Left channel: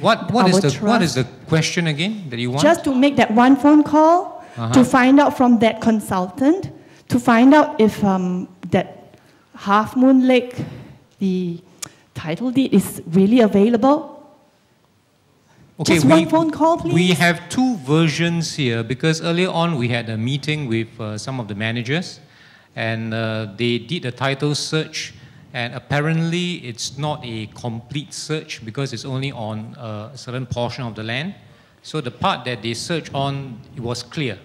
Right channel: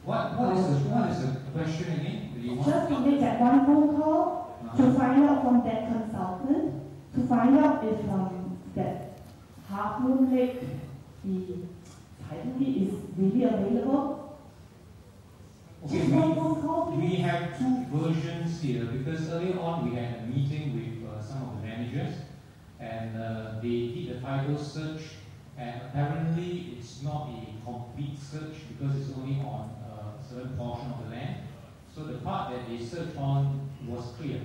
What is the question again that you want? Just to make that one phone call to find out from that consultant, to find out if that Half Moon Lake, the title deed, is really available. Okay, just one phone call, please. We have two versions here because earlier on we had a meeting with some of the managers, and they did a title search, and apparently it's not a complete search because it's only on a certain portion of the land. So the part that they searched on, it was clear.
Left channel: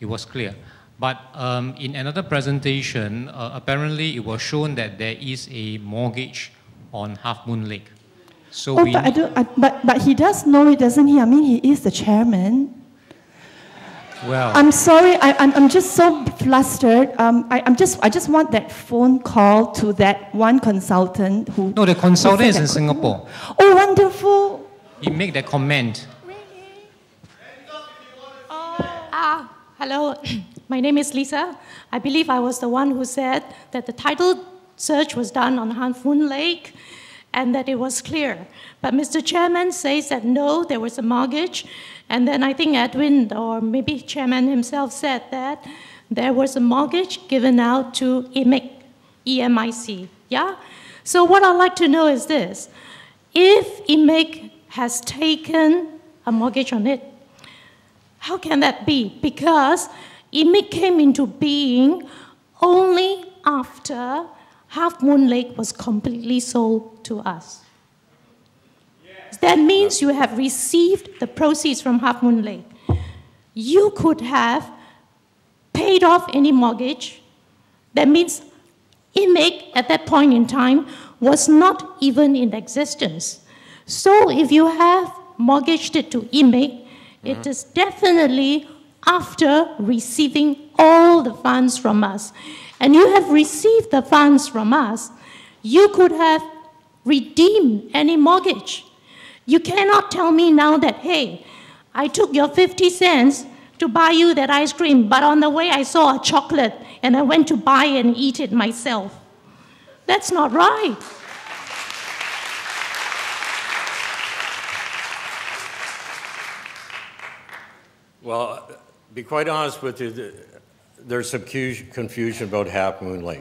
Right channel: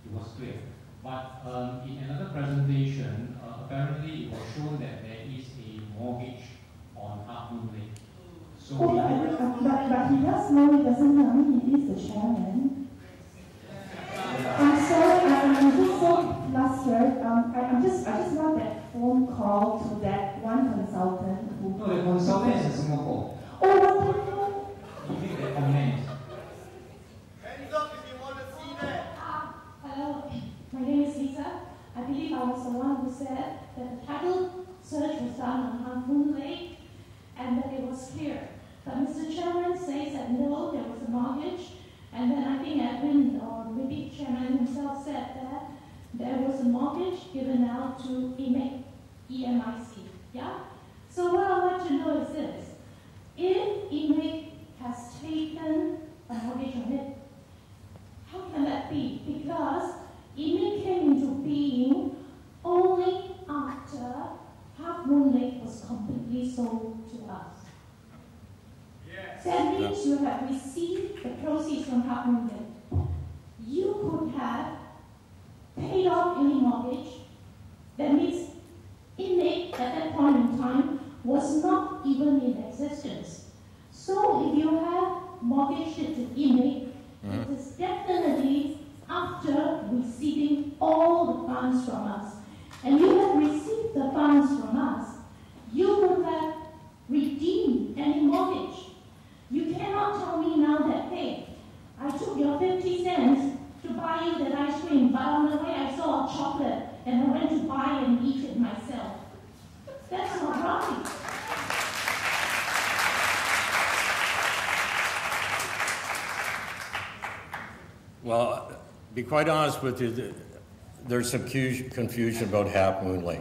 It was clear. But in another presentation, apparently it was shown that there is a mortgage on Half Moon Lake. So but he does know it, doesn't he? I mean, he is the chairman. Well, I'm sorry, I'm just so flustered. I just want that phone call to that one consultant who... No, the consultant is in Singapore. Oh, wonderful. He made that comment. Hello, my name is Lisa. I believe I was the one who said that the title search was done on Half Moon Lake and that it was clear. But Mr. Chairman says that no, there was a mortgage. And then I think Edwin, or maybe Chairman himself, said that there was a mortgage given out to EMIC, EMIC, yeah? So what I'd like to know is this. If EMIC has taken a mortgage on it, how can that be? Because EMIC came into being only after Half Moon Lake was completely sold to us. That means you have received the proceeds from Half Moon Lake. You could have paid off any mortgage. That means EMIC at that point in time was not even in existence. So if you have mortgaged it to EMIC, it is definitely after receiving all the funds from us. And you have received the funds from us, you could have redeemed any mortgage. You cannot tell me now that, hey, I took your 50 cents to buy you that ice cream, but on the way I saw a chocolate and I went to buy and eat it myself. That's not right. Well, to be quite honest with you, there's some confusion about Half Moon Lake.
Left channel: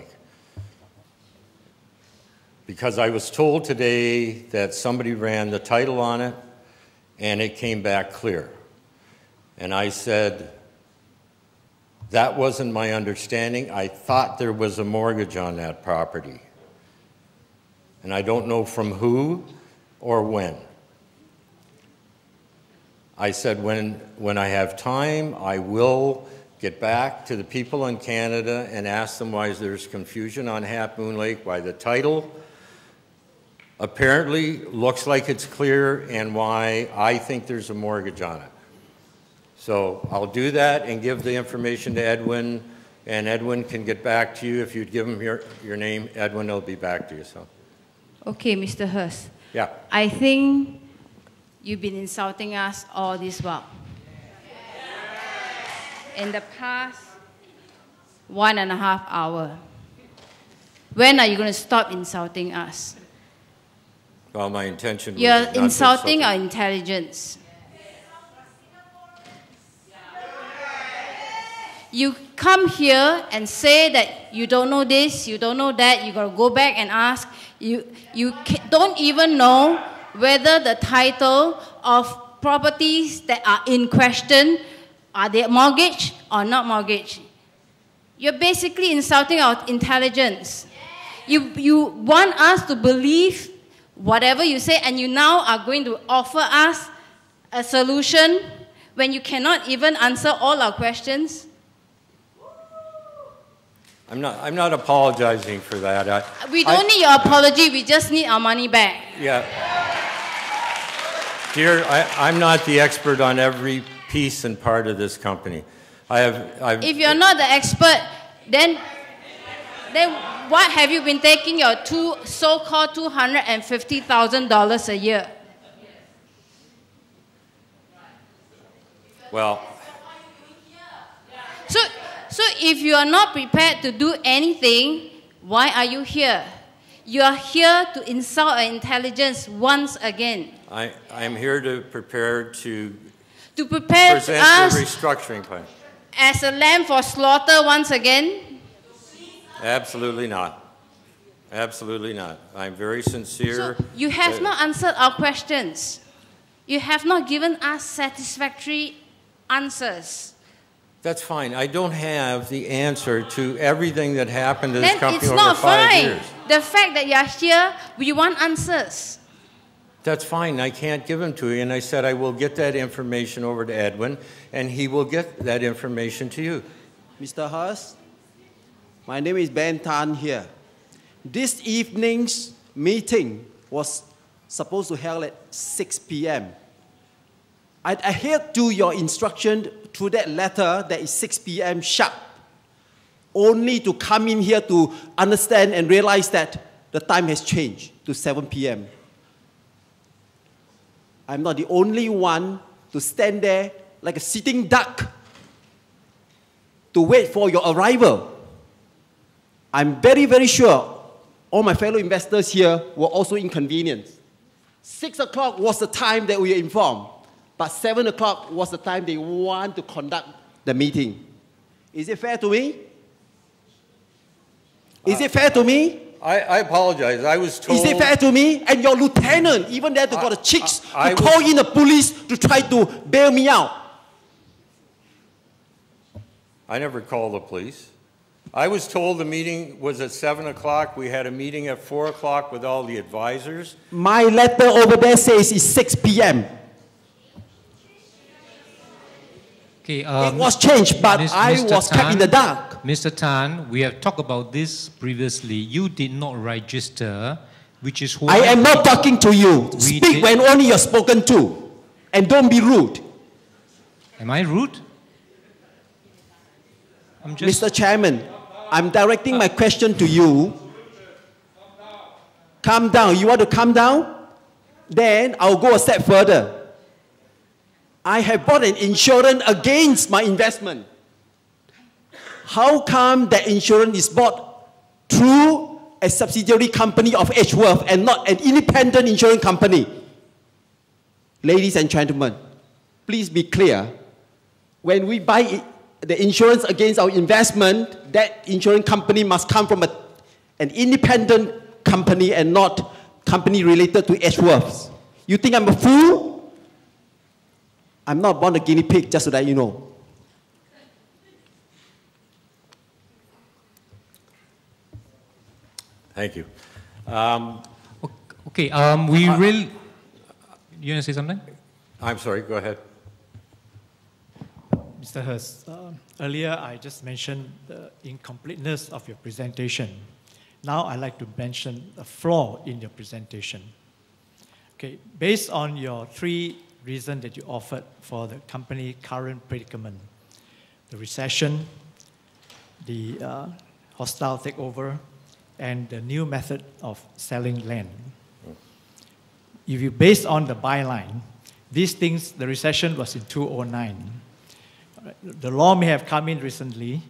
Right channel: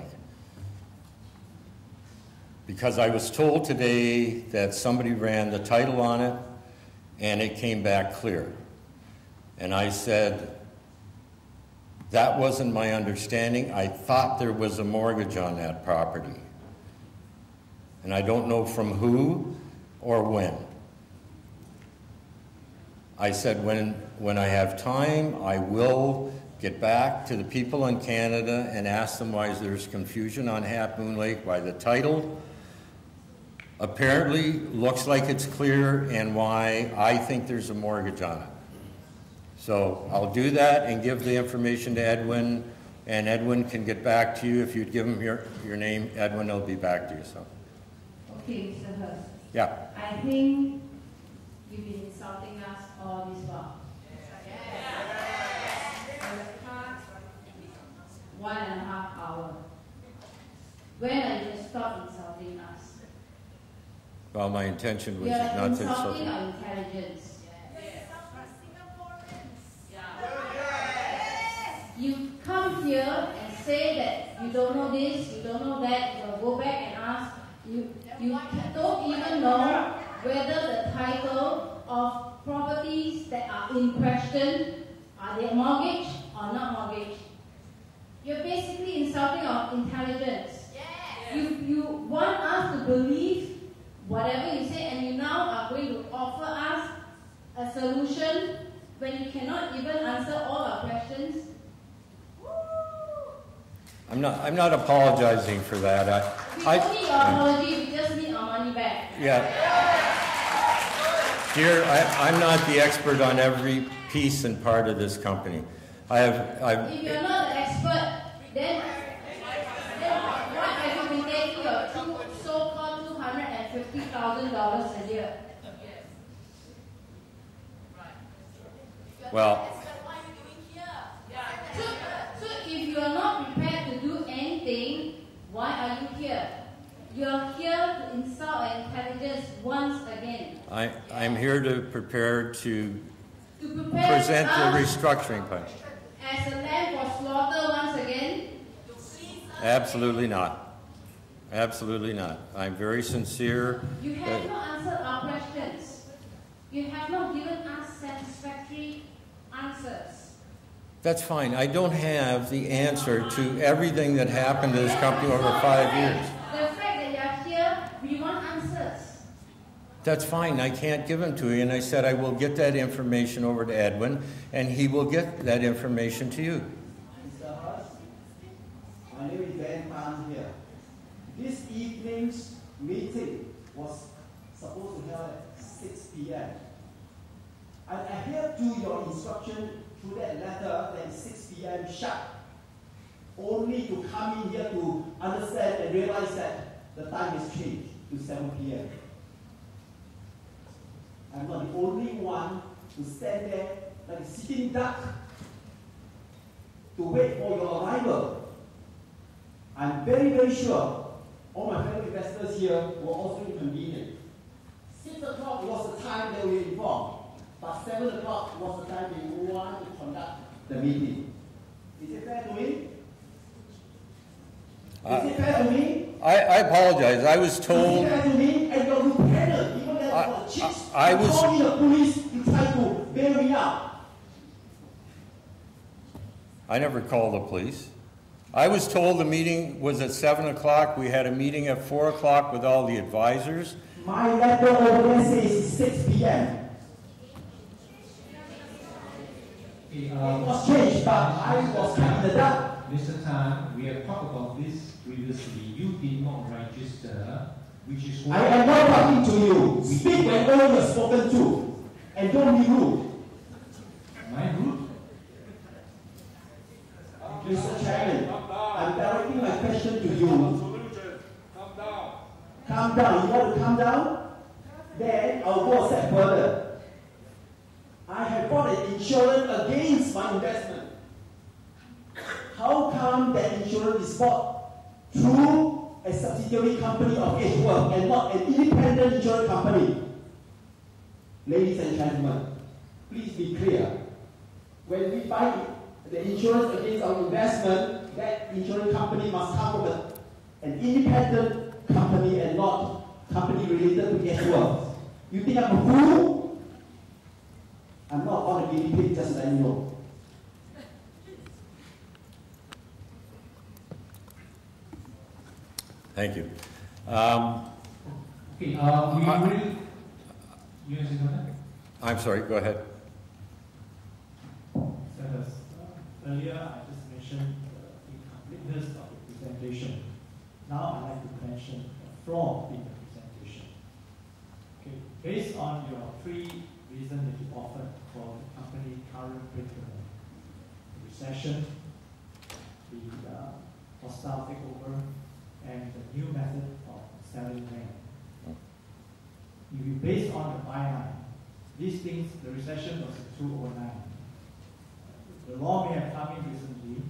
Because I was told today that somebody ran the title on it and it came back clear. And I said, that wasn't my understanding. I thought there was a mortgage on that property. And I don't know from who or when. I said, when I have time, I will get back to the people in Canada and ask them why there's confusion on Half Moon Lake, why the title apparently looks like it's clear, and why I think there's a mortgage on it. So I'll do that and give the information to Edwin, and Edwin can get back to you. If you'd give him your name, Edwin will be back to you. So. Okay, Mr. Hurst. Yeah. I think you've been insulting us all this while. In the past 1.5 hours. When are you going to stop insulting us? Well, my intention was You're not to insulting our intelligence. You come here and say that you don't know this, you don't know that, you got to go back and ask. You don't even know whether the title of properties that are in question, are they mortgaged or not mortgaged? You're basically insulting our intelligence. You want us to believe whatever you say, and you now are going to offer us a solution when you cannot even answer all our questions? I'm not apologizing for that. We don't need your apology, we just need our money back. Yeah. Dear, I'm not the expert on every piece and part of this company. If you're not the expert, then what have you been taking your so-called $250,000 a year? Well. So if you are not prepared to do anything, why are you here? You are here to insult our intelligence once again. I'm here to prepare to prepare present us the restructuring plan. as a lamb for slaughter once again? Absolutely not. Absolutely not. I'm very sincere. So you have not answered our questions. You have not given us satisfactory answers. That's fine. I don't have the answer to everything that happened to this Then company it's over not 5 fine. years. The fact that you are here, we want answers. That's fine. I can't give them to you. And I said I will get that information over to Edwin, and he will get that information to you. Mr. Hurst, my name is Ben Tan here. This evening's meeting was supposed to held at 6 p.m. I adhered to your instruction through that letter that is 6 p.m. sharp, only to come in here to understand and realize that the time has changed to 7 p.m. I'm not the only one to stand there like a sitting duck to wait for your arrival. I'm very, very sure all my fellow investors here were also inconvenienced. 6 o'clock was the time that we were informed, but 7 o'clock was the time they want to conduct the meeting. Is it fair to me? Is it fair to me? I apologize. I was told... Is it fair to me? And your lieutenant, even there, got the cheeks to call in the police to try to bail me out. I never called the police. I was told the meeting was at 7 o'clock. We had a meeting at 4 o'clock with all the advisors. My letter over there says it's 6 p.m. Okay, it was changed, but I was kept in the dark. Mr. Tan, we have talked about this previously. You did not register, which is why... I am not talking to you. Speak when only you're spoken to. And don't be rude. Am I rude? Mr. Chairman, I'm directing my question to you. Calm down. You want to calm down? Then I'll go a step further. I have bought an insurance against my investment. How come that insurance is bought through a subsidiary company of Edgeworth and not an independent insurance company? Ladies and gentlemen, please be clear. When we buy the insurance against our investment, that insurance company must come from an independent company and not company related to Edgeworth. You think I'm a fool? I'm not born a guinea pig, just so that you know. Thank you. Okay, we really... You want to say something? I'm sorry, go ahead. Mr. Hurst, earlier I just mentioned the incompleteness of your presentation. Now I'd like to mention a flaw in your presentation. Okay, based on your 3 reasons that you offered for the company's current predicament, the recession, the hostile takeover, and the new method of selling land. If you base on the byline, these things, the recession was in 2009. The law may have come in recently,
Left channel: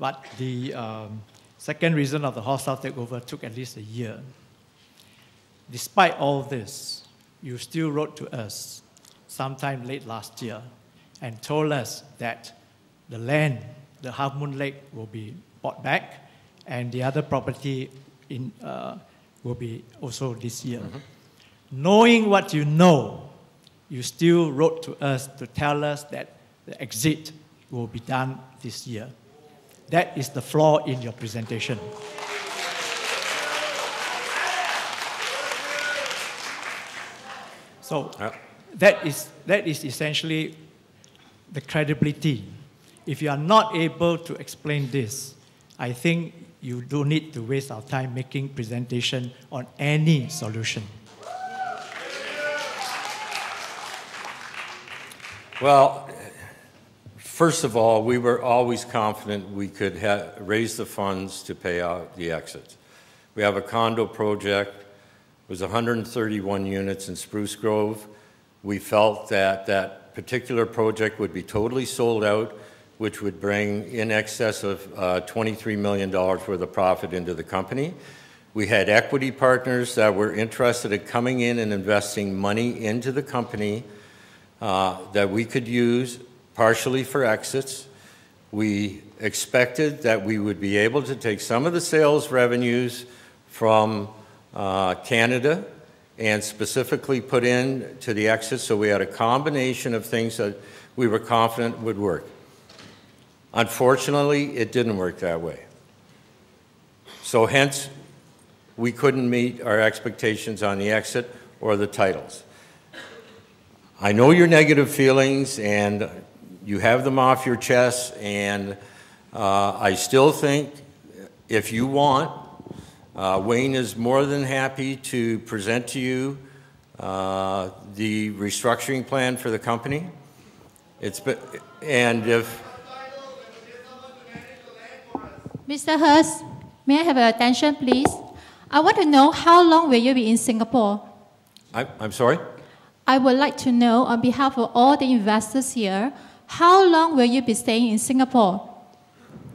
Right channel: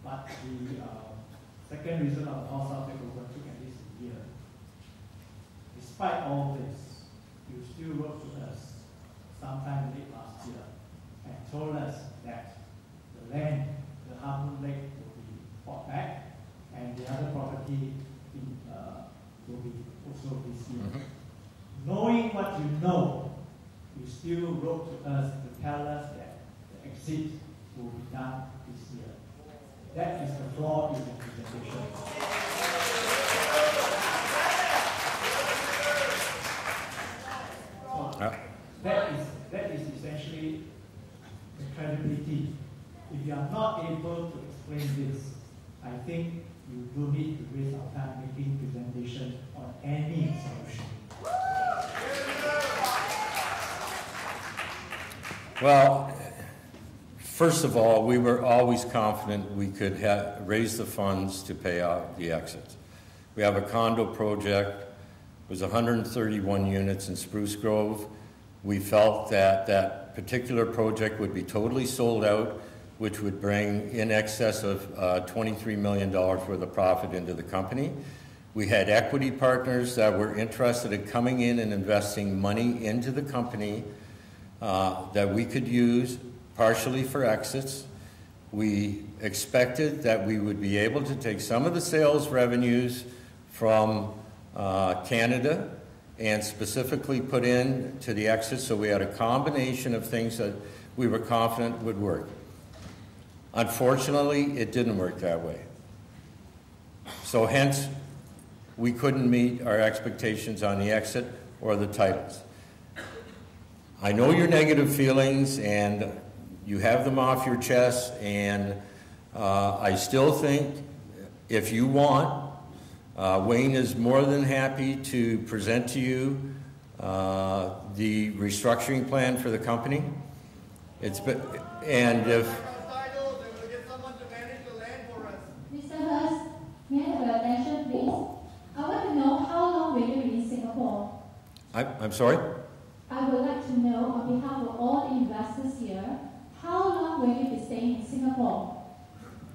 but the second reason of the hostile takeover took at least a year. Despite all this, you still wrote to us sometime late last year and told us that the land, the Half Moon Lake, will be bought back and the other property will be also this year. Knowing what you know, you still wrote to us to tell us that the exit will be done this year. That is the flaw in your presentation. So that is essentially the credibility. If you are not able to explain this, I think you don't need to waste our time making presentation on any solution. Well, first of all, we were always confident we could raise the funds to pay out the exit. We have a condo project. It was 131 units in Spruce Grove. We felt that that particular project would be totally sold out, which would bring in excess of $23 million worth of profit into the company. We had equity partners that were interested in coming in and investing money into the company that we could use partially for exits. We expected that we would be able to take some of the sales revenues from Canada and specifically put in to the exit, so we had a combination of things that we were confident would work. Unfortunately, it didn't work that way. So hence, we couldn't meet our expectations on the exit or the titles. I know your negative feelings and you have them off your chest, and I still think if you want, Wayne is more than happy to present to you the restructuring plan for the company. And if... Mr. Hurst, may I have your attention, please? I want to know how long will you be in Singapore? I'm sorry? I would like to know, on behalf of all the investors here, how long will you be staying in Singapore?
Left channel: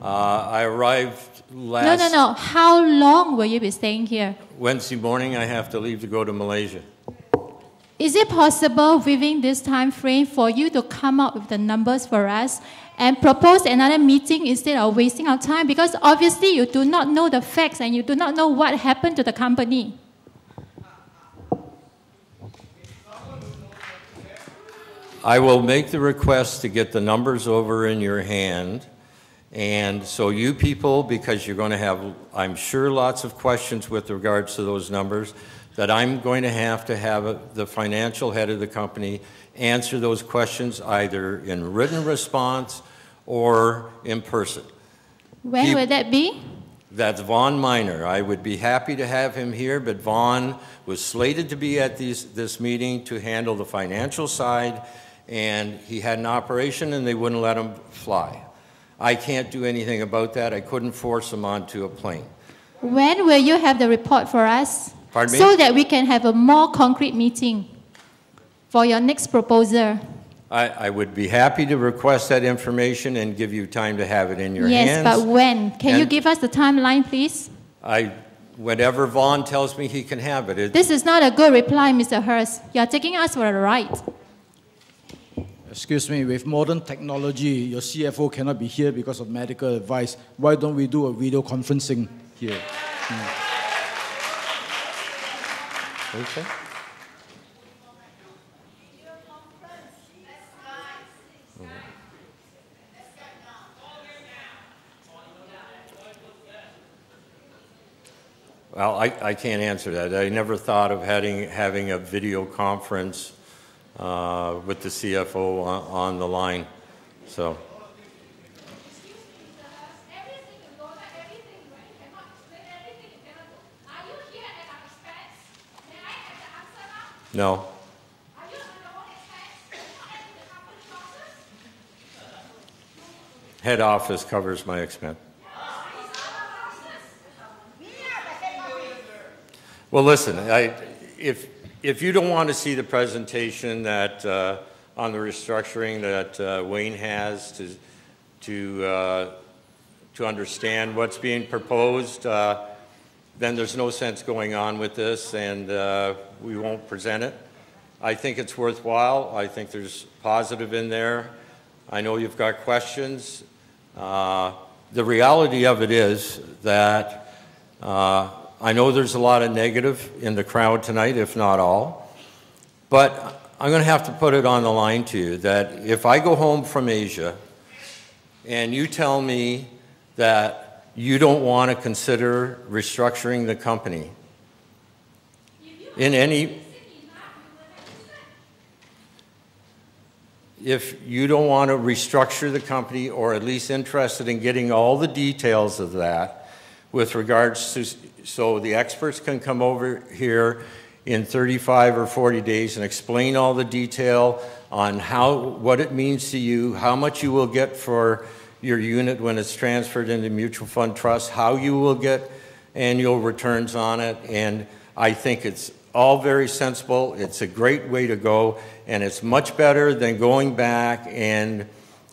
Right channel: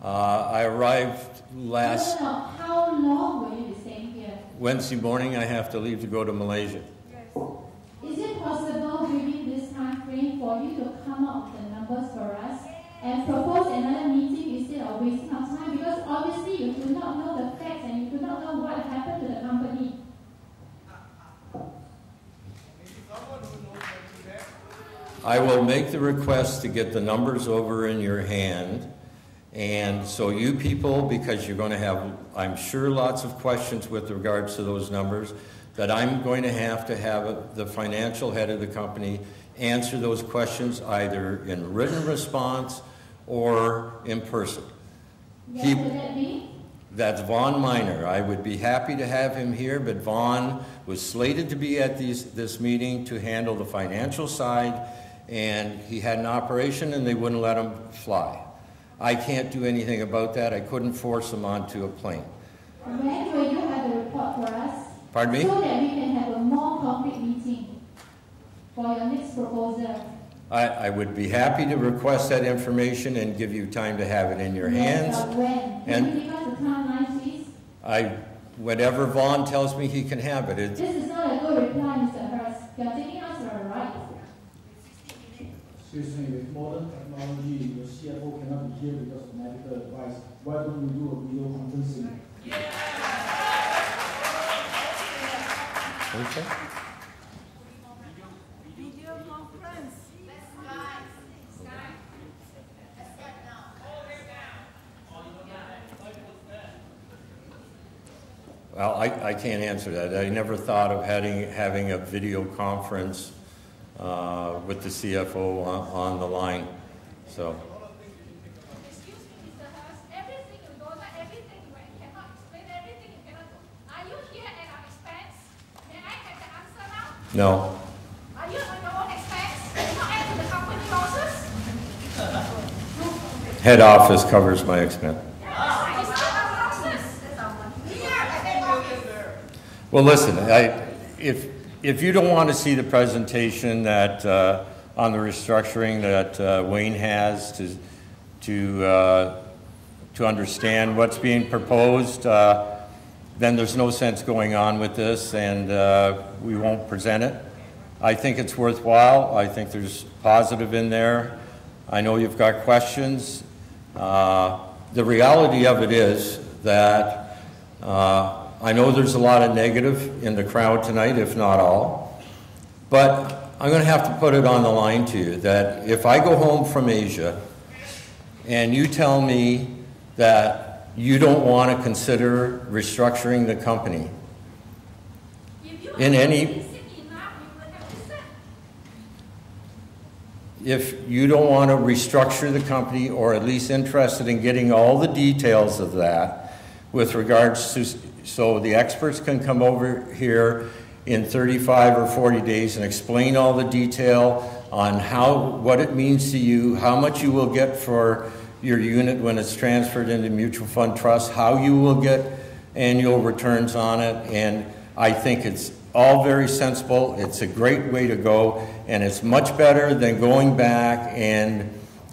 I arrived last... No. How long will you be staying here? Wednesday morning, I have to leave to go to Malaysia. Is it possible within this time frame for you to come up with the numbers for us and propose another meeting instead of wasting our time? Because obviously you do not know the facts and you do not know what happened to the company. I will make the request to get the numbers over in your hand. And so you people, because you're going to have, I'm sure, lots of questions with regards to those numbers, that I'm going to have the financial head of the company answer those questions either in written response or in person. When will that be? That's Vaughn Minor. I would be happy to have him here, but Vaughn was slated to be at this meeting to handle the financial side, and he had an operation and they wouldn't let him fly. I can't do anything about that. I couldn't force him onto a plane. When will you have the report for us? Pardon me? So that we can have a more concrete meeting for your next proposal. I would be happy to request that information and give you time to have it in your hands. Yes, but when? Can you give us the timeline, please? Whenever Vaughn tells me he can have it. This is not a good reply, Mr. Hurst. You are taking us for a ride. Excuse me, with modern technology, your CFO cannot be here because of medical advice. Why don't we do a video conferencing here? Okay. Well, I can't answer that. I never thought of having a video conference with the CFO on the line. So. No. Are you on your own expense? Not add to the company losses? Head office covers my expense. Well, listen, if you don't want to see the presentation that on the restructuring that Wayne has to understand what's being proposed, then there's no sense going on with this, and we won't present it. I think it's worthwhile. I think there's positive in there. I know you've got questions. The reality of it is that I know there's a lot of negative in the crowd tonight, if not all, but I'm going to have to put it on the line to you that if I go home from Asia and you tell me that you don't want to consider restructuring the company in any... If you don't want to restructure the company, or at least interested in getting all the details of that with regards to, so the experts can come over here in 35 or 40 days and explain all the detail on what it means to you, how much you will get for your unit when it's transferred into mutual fund trust, how you will get annual returns on it, and I think it's all very sensible. It's a great way to go, and it's much better than going back and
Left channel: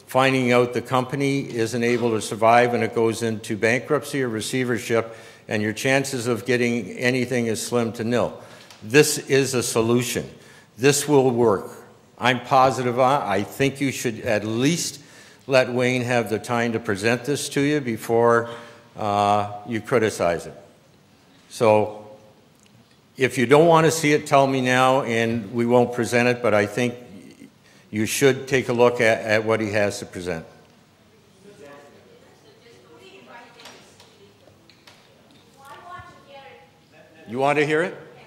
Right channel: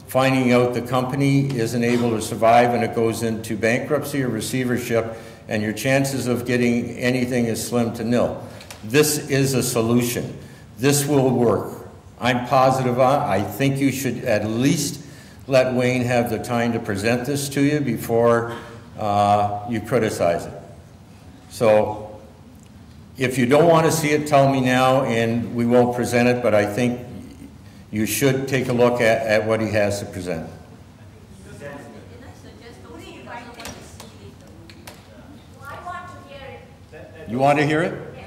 finding out the company isn't able to survive and it goes into bankruptcy or receivership, and your chances of getting anything is slim to nil. This is a solution. This will work. I'm positive I think you should at least let Wayne have the time to present this to you before you criticize it. So if you don't want to see it, tell me now and we won't present it, but I think you should take a look at what he has to present. You want to hear it?